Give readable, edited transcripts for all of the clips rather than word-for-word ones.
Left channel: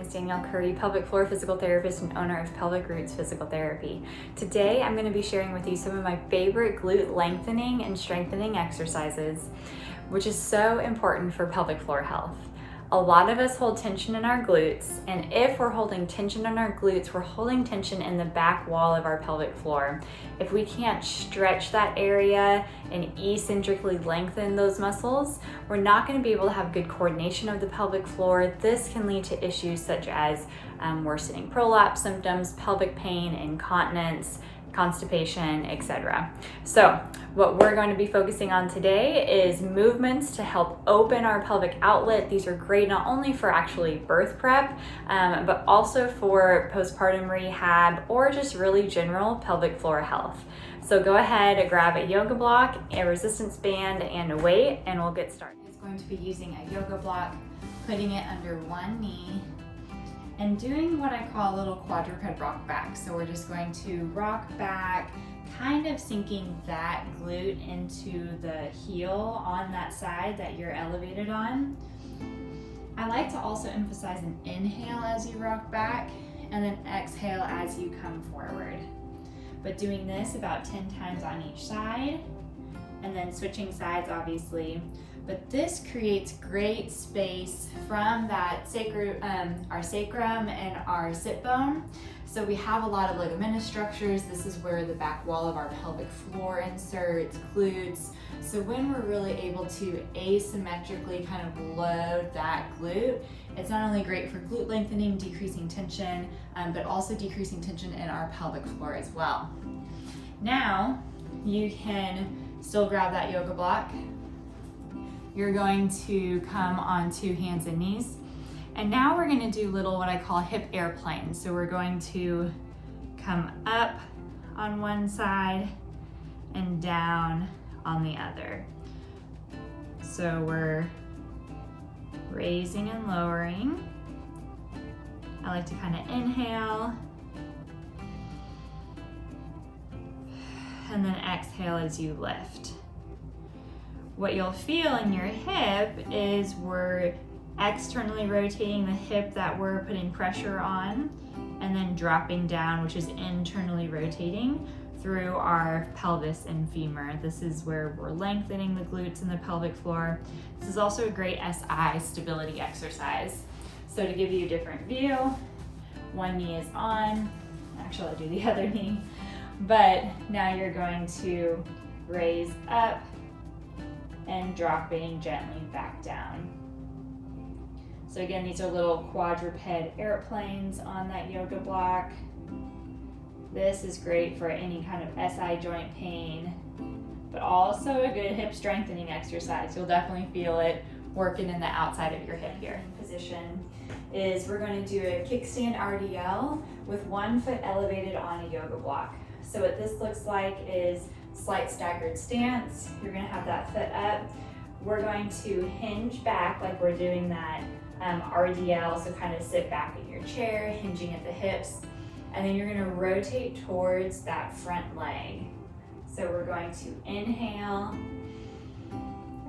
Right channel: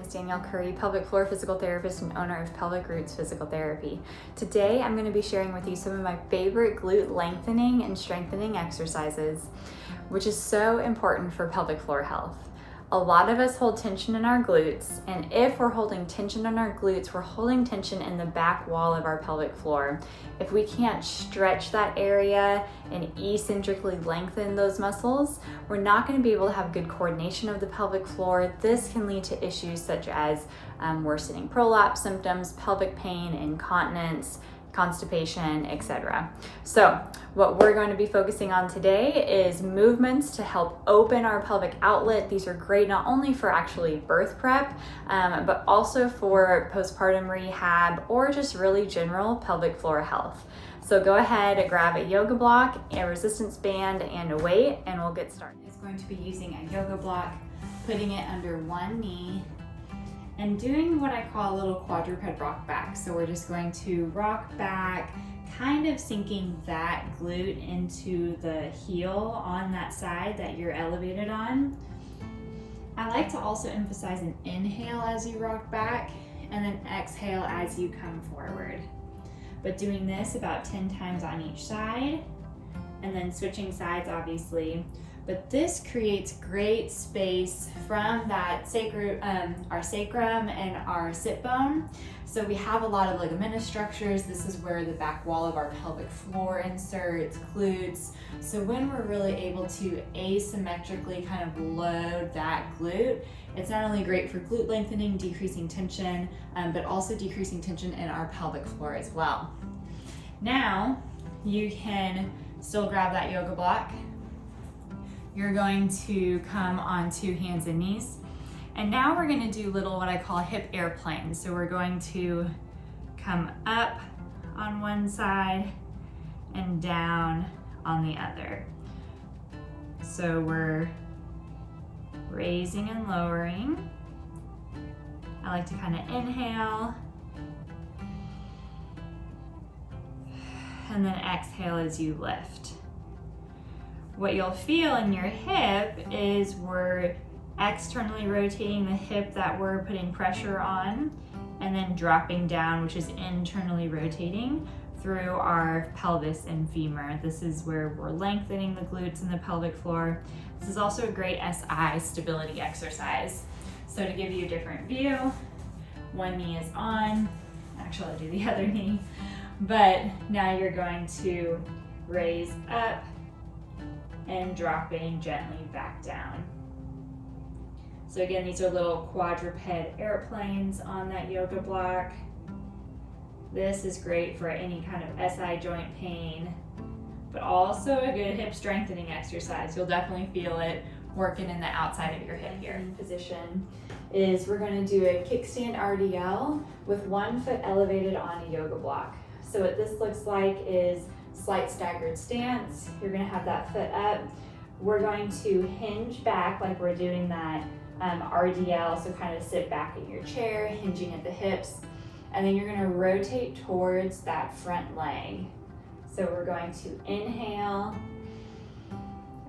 is Danielle Curry, pelvic floor physical therapist and owner of Pelvic Roots Physical Therapy. Today, I'm going to be sharing with you some of my favorite glute lengthening and strengthening exercises, which is so important for pelvic floor health. A lot of us hold tension in our glutes, and if we're holding tension in our glutes, we're holding tension in the back wall of our pelvic floor. If we can't stretch that area and eccentrically lengthen those muscles, we're not going to be able to have good coordination of the pelvic floor. This can lead to issues such as worsening prolapse symptoms, pelvic pain, incontinence, constipation, etc. So what we're going to be focusing on today is movements to help open our pelvic outlet. These are great not only for actually birth prep, but also for postpartum rehab or just really general pelvic floor health. So go ahead and grab a yoga block, a resistance band, and a weight, and we'll get started. It's going to be using a yoga block, putting it under one knee, and doing what I call a little quadruped rock back. So we're just going to rock back, kind of sinking that glute into the heel on that side that you're elevated on. I like to also emphasize an inhale as you rock back and then exhale as you come forward. But doing this about 10 times on each side and then switching sides obviously. But this creates great space from that our sacrum and our sit bone. So we have a lot of ligamentous structures. This is where the back wall of our pelvic floor inserts, glutes. So when we're really able to asymmetrically kind of load that glute, it's not only great for glute lengthening, decreasing tension, but also decreasing tension in our pelvic floor as well. Now, you can still grab that yoga block. You're going to come onto hands and knees. And now we're going to do little what I call hip airplanes. So we're going to come up on one side and down on the other. So we're raising and lowering. I like to kind of inhale and then exhale as you lift. What you'll feel in your hip is we're externally rotating the hip that we're putting pressure on and then dropping down, which is internally rotating through our pelvis and femur. This is where we're lengthening the glutes and the pelvic floor. This is also a great SI stability exercise. So to give you a different view, one knee is on, actually I'll do the other knee, but now you're going to raise up and dropping gently back down. So again, these are little quadruped airplanes on that yoga block. This is great for any kind of SI joint pain, but also a good hip strengthening exercise. You'll definitely feel it working in the outside of your hip here. Position is we're going to do a kickstand RDL with one foot elevated on a yoga block. So what this looks like is slight staggered stance. You're going to have that foot up. We're going to hinge back like we're doing that RDL, so kind of sit back in your chair, hinging at the hips, and then you're going to rotate towards that front leg. So we're going to inhale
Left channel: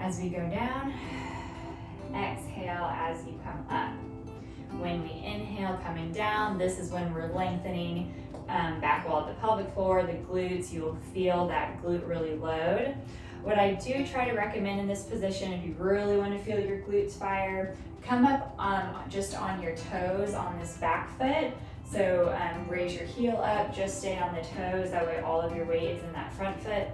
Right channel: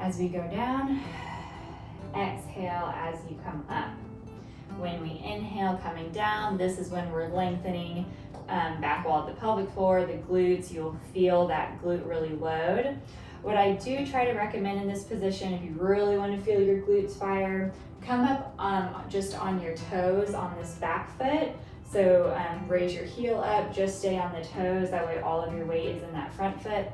as we go down, exhale as you come up. When we inhale coming down, this is when we're lengthening back wall of the pelvic floor, the glutes. You'll feel that glute really load. What I do try to recommend in this position, if you really want to feel your glutes fire, come up just on your toes on this back foot. So raise your heel up, just stay on the toes. That way all of your weight is in that front foot.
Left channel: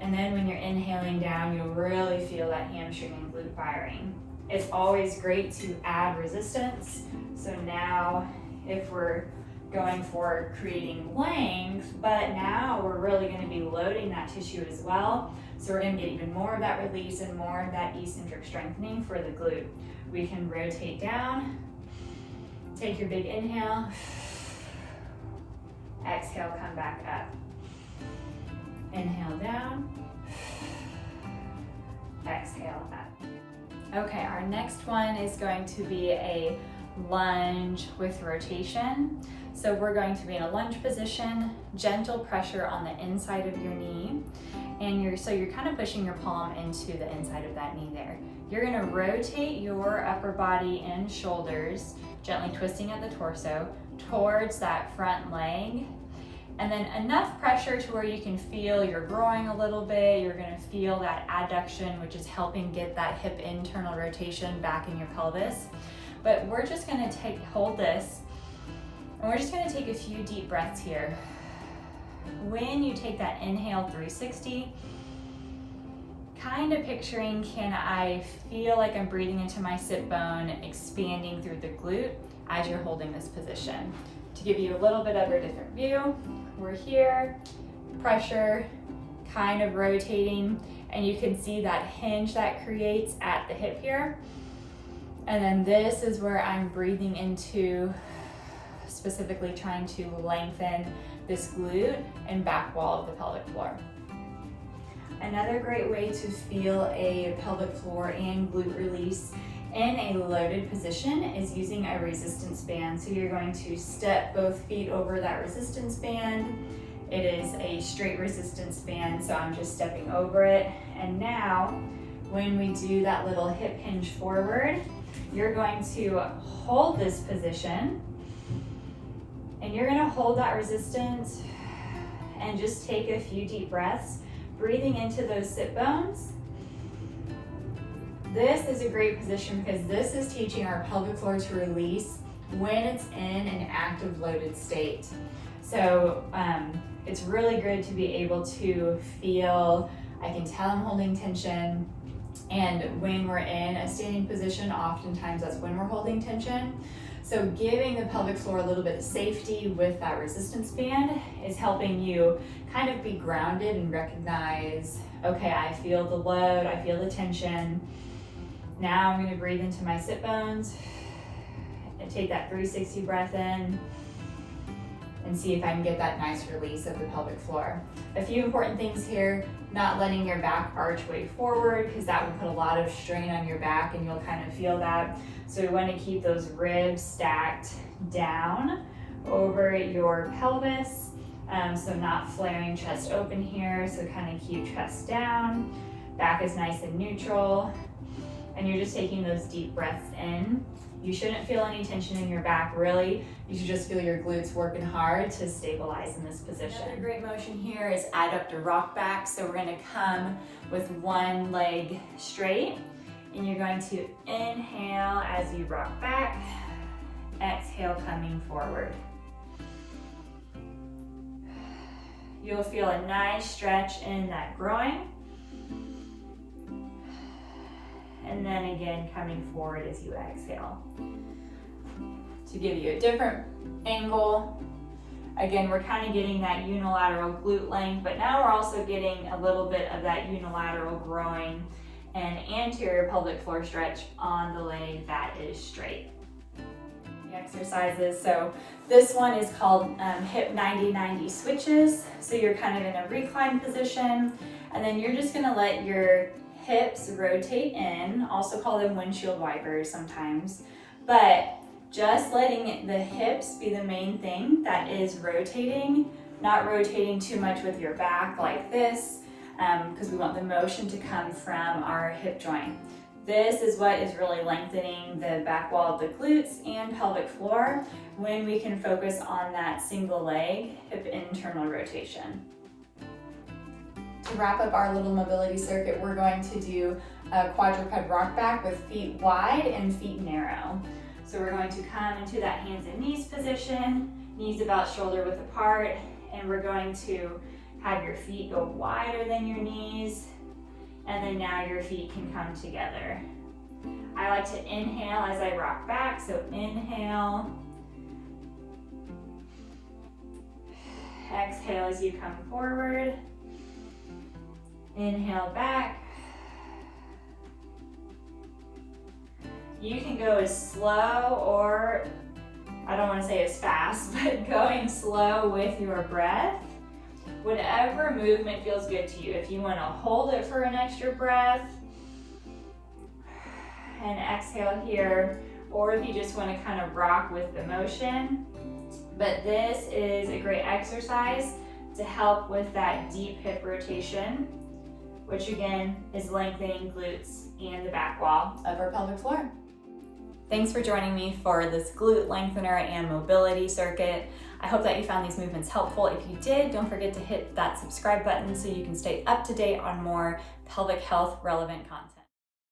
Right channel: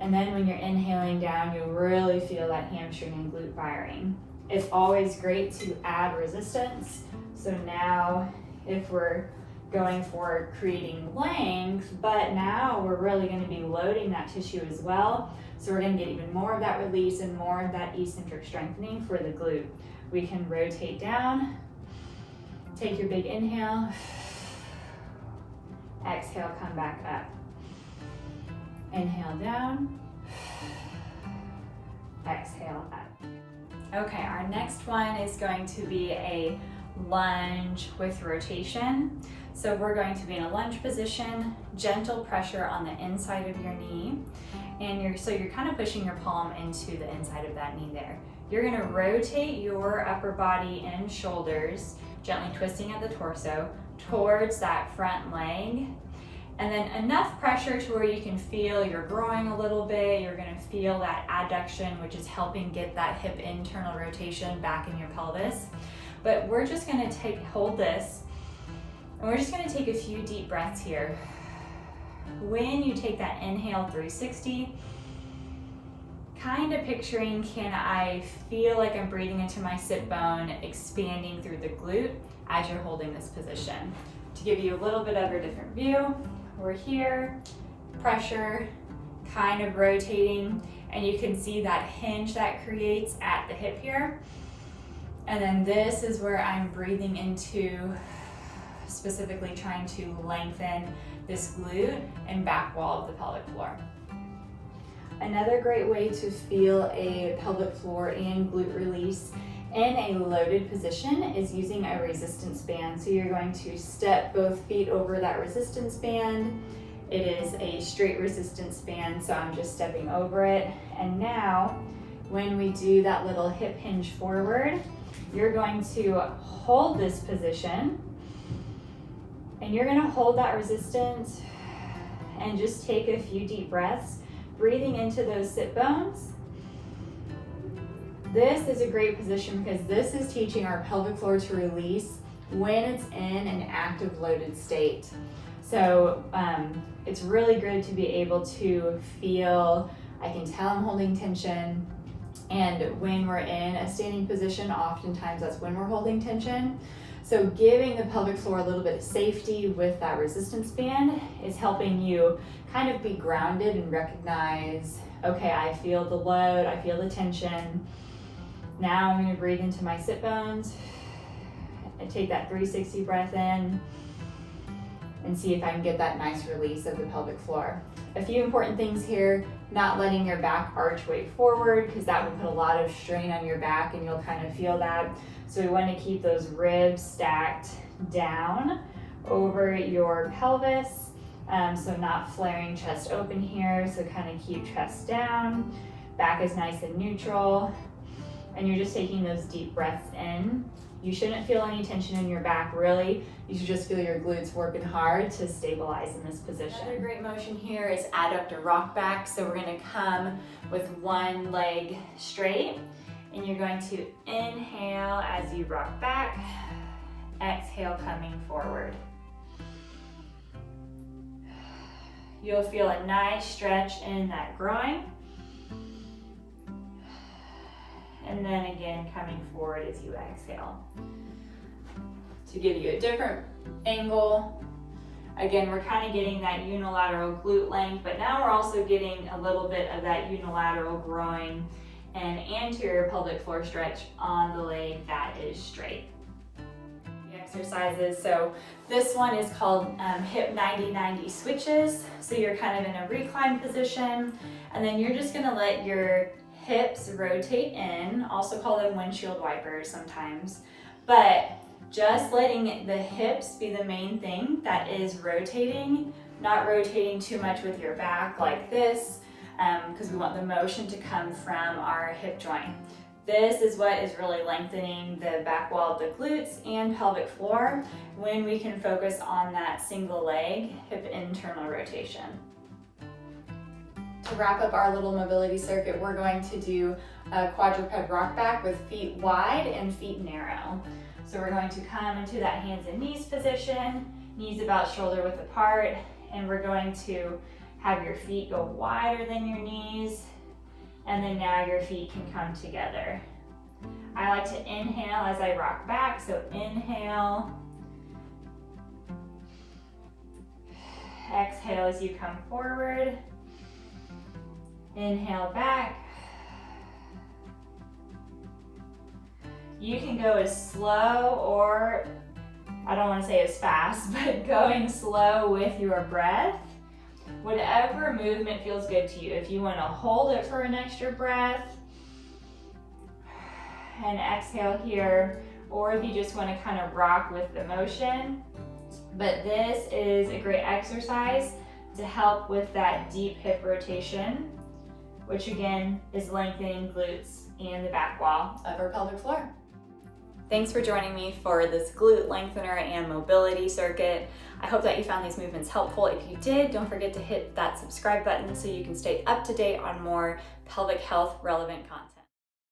And then when you're inhaling down, you'll really feel that hamstring and glute firing. It's always great to add resistance. So now if we're going for creating length, but now we're really going to be loading that tissue as well. So we're going to get even more of that release and more of that eccentric strengthening for the glute. We can rotate down, take your big inhale, exhale, come back up. Inhale down, exhale up. Okay, our next one is going to be a lunge with rotation. So we're going to be in a lunge position, gentle pressure on the inside of your knee, and you're kind of pushing your palm into the inside of that knee there. You're gonna rotate your upper body and shoulders gently twisting at the torso towards that front leg. And then enough pressure to where you can feel your groin a little bit. You're gonna feel that adduction, which is helping get that hip internal rotation back in your pelvis. But we're just gonna hold this, and we're just gonna take a few deep breaths here. When you take that inhale 360, kind of picturing, can I feel like I'm breathing into my sit bone, expanding through the glute as you're holding this position. To give you a little bit of a different view, we're here, pressure, kind of rotating, and you can see that hinge that creates at the hip here. And then this is where I'm breathing into, specifically trying to lengthen this glute and back wall of the pelvic floor. Another great way to feel a pelvic floor and glute release in a loaded position is using a resistance band. So you're going to step both feet over that resistance band. It is a straight resistance band, so I'm just stepping over it. And now, when we do that little hip hinge forward, you're going to hold this position, and you're gonna hold that resistance and just take a few deep breaths, breathing into those sit bones. This is a great position because this is teaching our pelvic floor to release when it's in an active loaded state. So it's really good to be able to feel, I can tell I'm holding tension, and when we're in a standing position, oftentimes that's when we're holding tension. So giving the pelvic floor a little bit of safety with that resistance band is helping you kind of be grounded and recognize, okay, I feel the load, I feel the tension. Now I'm going to breathe into my sit bones and take that 360 breath in and see if I can get that nice release of the pelvic floor. A few important things here: not letting your back arch way forward, because that would put a lot of strain on your back and you'll kind of feel that. So we want to keep those ribs stacked down over your pelvis. So not flaring chest open here, so kind of keep chest down. Back is nice and neutral. And you're just taking those deep breaths in. You shouldn't feel any tension in your back, really. You should just feel your glutes working hard to stabilize in this position. Another great motion here is adductor rock back. So we're gonna come with one leg straight, and you're going to inhale as you rock back, exhale coming forward. You'll feel a nice stretch in that groin. And then again, coming forward as you exhale. To give you a different angle, again, we're kind of getting that unilateral glute length, but now we're also getting a little bit of that unilateral groin and anterior pelvic floor stretch on the leg that is straight. The exercises, so this one is called hip 90-90 switches. So you're kind of in a reclined position, and then you're just gonna let your hips rotate in, also call them windshield wipers sometimes, but just letting the hips be the main thing that is rotating, not rotating too much with your back like this, because we want the motion to come from our hip joint. This is what is really lengthening the back wall of the glutes and pelvic floor when we can focus on that single leg hip internal rotation. To wrap up our little mobility circuit, we're going to do a quadruped rock back with feet wide and feet narrow. So we're going to come into that hands and knees position, knees about shoulder width apart, and we're going to have your feet go wider than your knees, and then now your feet can come together. I like to inhale as I rock back, so inhale, exhale as you come forward. Inhale back. You can go as slow, or I don't want to say as fast, but going slow with your breath. Whatever movement feels good to you. If you want to hold it for an extra breath and exhale here, or if you just want to kind of rock with the motion. But this is a great exercise to help with that deep hip rotation, which again is lengthening glutes and the back wall of our pelvic floor. Thanks for joining me for this glute lengthener and mobility circuit. I hope that you found these movements helpful. If you did, don't forget to hit that subscribe button so you can stay up to date on more pelvic health relevant content.